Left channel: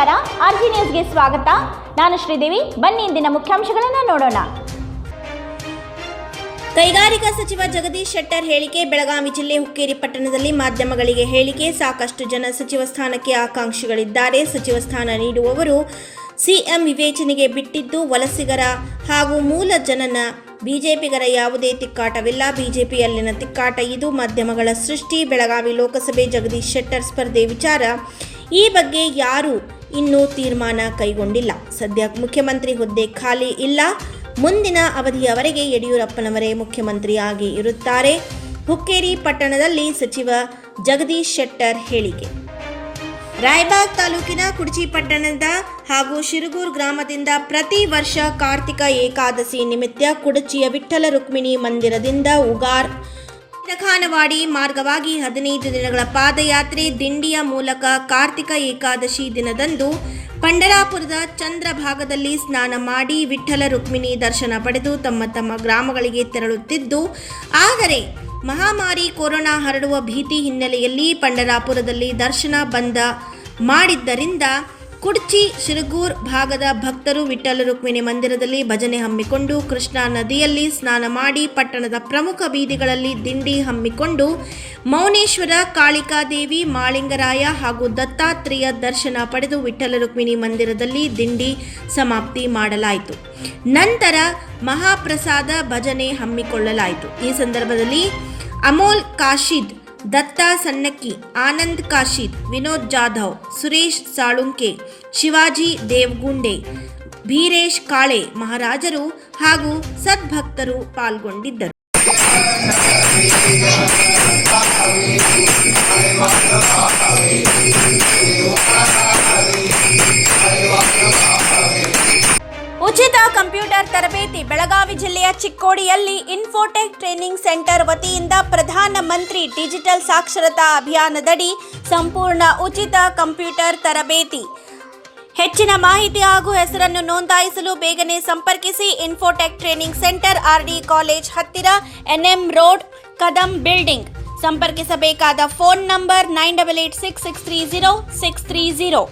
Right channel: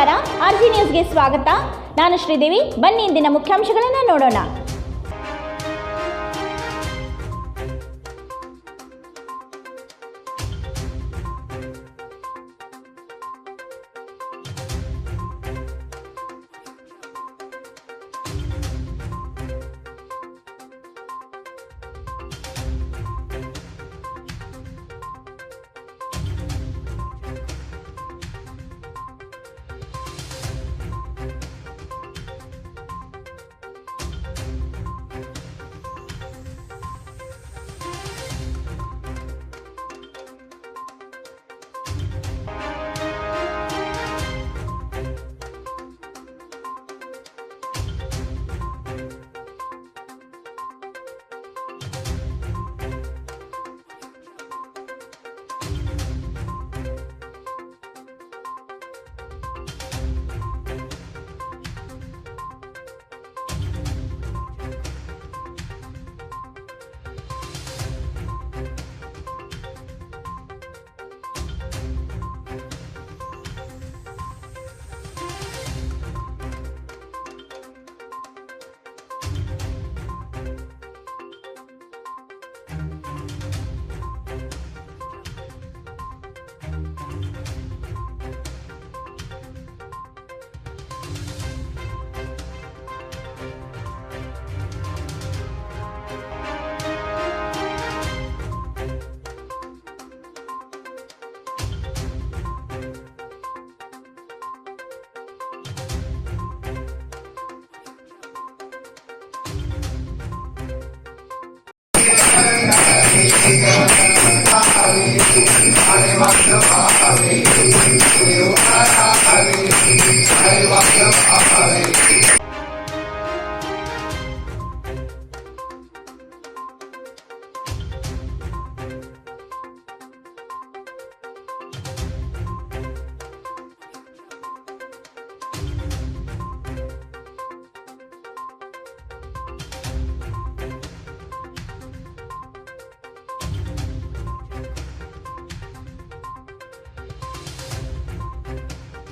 ನಮಸ್ಕಾರ. R G ನ್ಯೂಸ್ಗೆ ಸ್ವಾಗತ. ನಾನು ಶ್ರೀದೇವಿ. ಬನ್ನಿ ಇಂದಿನ ಮುಖ್ಯಾಂಶಗಳನ್ನು ನೋಡೋಣ. ಕೈಗಾರಿಕಾ ಸಚಿವ ಜಗದೀಶ್ ಶೆಟ್ಟರ್ ಹೇಳಿಕೆ, ಬೆಳಗಾವಿ ಜಿಲ್ಲೆ ಹುಕ್ಕೇರಿ ಪಟ್ಟಣದಲ್ಲಿ ಮಾಧ್ಯಮಗಳಿಗೆ ಹೇಳಿಕೆ, ಸಾಕಷ್ಟು ಜನ ಸಚಿವ ಸ್ಥಾನಕ್ಕೆ ಆಕಾಂಕ್ಷಿಗಳಿದ್ದಾರೆ. ಸಚಿವ ಸ್ಥಾನ ನೀಡುವವರು ಸಿಎಂ ವಿವೇಚನೆಗೆ ಬಿಟ್ಟಿದ್ದು ವಲಸಿಗರ ಹಾಗೂ ಮೂಲ ಜನನ. ಬಿಜೆಪಿಗರ ಯಾವುದೇ ತಿಕ್ಕಾಟವಿಲ್ಲ. ಬಿಜೆಪಿಯಲ್ಲಿನ ತಿಕ್ಕಾಟ ಇದು. ಮಾಧ್ಯಮಗಳ ಸೃಷ್ಟಿ, ಬೆಳಗಾವಿ ಲೋಕಸಭೆ ಜಗದೀಶ್ ಶೆಟ್ಟರ್ ಸ್ಪರ್ಧೆ ವಿಚಾರ. ಈ ಬಗ್ಗೆ ಯಾರೂ ಇನ್ನೂ ತೀರ್ಮಾನ ಕೈಗೊಂಡಿಲ್ಲ. ಸದ್ಯ ಮುಖ್ಯಮಂತ್ರಿ ಹುದ್ದೆ ಖಾಲಿ ಇಲ್ಲ. ಮುಂದಿನ ಅವಧಿಯವರೆಗೆ ಯಡಿಯೂರಪ್ಪನವರೇ ಮುಖ್ಯಮಂತ್ರಿಯಾಗಿ ಇರುತ್ತಾರೆ. ಹುಕ್ಕೇರಿ ಪಟ್ಟಣದಲ್ಲಿ ಸಚಿವ ಜಗದೀಶ್ ಶೆಟ್ಟರ್ ಹೇಳಿಕೆ. ರಾಯಬಾಗ್ ತಾಲೂಕಿನ ಕುಡಚಿ ಪಟ್ಟಣದ ಹಾಗೂ ಶಿರಗೂರ್ ಗ್ರಾಮದಿಂದ ಪ್ರತಿ ವರ್ಷ ಕಾರ್ತಿಕ ಏಕಾದಶಿ ನಿಮಿತ್ತ ಕುಡಚಿಯ ವಿಠ್ಠಲ ರುಕ್ಮಿಣಿ ಮಂದಿರದಿಂದ ಉಗಾರ್ ಖಾನವಾಡಿ ಮಾರ್ಗವಾಗಿ ಹದಿನೈದು ದಿನಗಳ ಪಾದಯಾತ್ರೆ ದಿಂಡಿಯ ಮೂಲಕ ಕಾರ್ತಿಕ ಏಕಾದಶಿ ದಿನದಂದು ಪಂಡರಾಪುರದ ಚಂದ್ರಭಾಗದಲ್ಲಿ ಸ್ನಾನ ಮಾಡಿ ವಿಠ್ಠಲ ರುಕ್ಮಿಣಿ ದರ್ಶನ ಪಡೆದು ತಮ್ಮ ತಮ್ಮ ಗ್ರಾಮಗಳಿಗೆ ತೆರಳುತ್ತಿದ್ದು, ಆದರೆ ಮಹಾಮಾರಿ ಕೊರೋನಾ ಹರಡುವ ಭೀತಿ ಹಿನ್ನೆಲೆಯಲ್ಲಿ ಪಂಡರಾಪುರದಲ್ಲಿ ದರ್ಶನ ಬಂದ ಮಾಡಿದ್ದರಿಂದ ಕುಡ್ಚಿ ಶಿರಗೂರ್ ಭಾಗದ ಭಕ್ತರು ವಿಠ್ಠಲ ರುಕ್ಮಿಣಿ ಮಂದಿರದಲ್ಲಿ ಭಜನೆ ಹಮ್ಮಿಕೊಂಡು ಕೃಷ್ಣಾ ನದಿಯಲ್ಲಿ ಸ್ನಾನ ಮಾಡಿ ಪಟ್ಟಣದ ಪ್ರಮುಖ ಬೀದಿಗಳಲ್ಲಿ ದಿಂಡಿ ಹಮ್ಮಿಕೊಂಡು ಮೌನೇಶ್ವರ, ಕಾಳಿಕಾದೇವಿ, ಮಾಳಿಂಗರಾಯ ಹಾಗೂ ದತ್ತಾತ್ರೇಯ ದರ್ಶನ ಪಡೆದು ವಿಠ್ಠಲ ರುಕ್ಮಿಣಿ ಮಂದಿರದಲ್ಲಿ ದಿಂಡಿ ಸಮಾಪ್ತಿ ಮಾಡಲಾಯಿತು. ನಂತರ ಮಹಾಪ್ರಸಾದ ಭಜನೆ ಹಮ್ಮಿಕೊಳ್ಳಲಾಯಿತು. ಈ ಸಂದರ್ಭದಲ್ಲಿ ಅಮೋಲ್ ಕಾಶಿದ್ ದತ್ತಾ ಸಣ್ಣಕ್ಕಿ ಆನಂದ್ ಕಾಶಿತ್ ವಿನೋದ್ ಜಾಧವ್, ಸುರೇಶ್ ಸಾಳುಂಕೆ, ಶಿವಾಜಿ ದೇವ್ಗುಂಡೆ, ಭೀರೇಶ್ ಕಾಳೆ ಮಹಾರಾಜರು ಹಾಗೂ ಸದ್ಭಕ್ತರು ಪಾಲ್ಗೊಂಡಿದ್ದರು. ಚಿಕ್ಕೋಡಿಯಲ್ಲಿ ಇನ್ಫೋಟೆಕ್ ಟ್ರೈನಿಂಗ್ ಸೆಂಟರ್ ವತಿಯಿಂದ ಪ್ರಧಾನ ಮಂತ್ರಿ ಡಿಜಿಟಲ್ ಸಾಕ್ಷರತಾ ಅಭಿಯಾನದಡಿ ಸಂಪೂರ್ಣ ಉಚಿತ ಕಂಪ್ಯೂಟರ್ ತರಬೇತಿ. ಹೆಚ್ಚಿನ ಮಾಹಿತಿ ಹಾಗೂ ಹೆಸರನ್ನು ನೋಂದಾಯಿಸಲು ಬೇಗನೆ ಸಂಪರ್ಕಿಸಿ Infotech training centre RD college ಹತ್ತಿರ, NM road, Kadam building. ಸಂಪರ್ಕಿಸಬೇಕಾದ phone number nine double eight six six three zero six three zero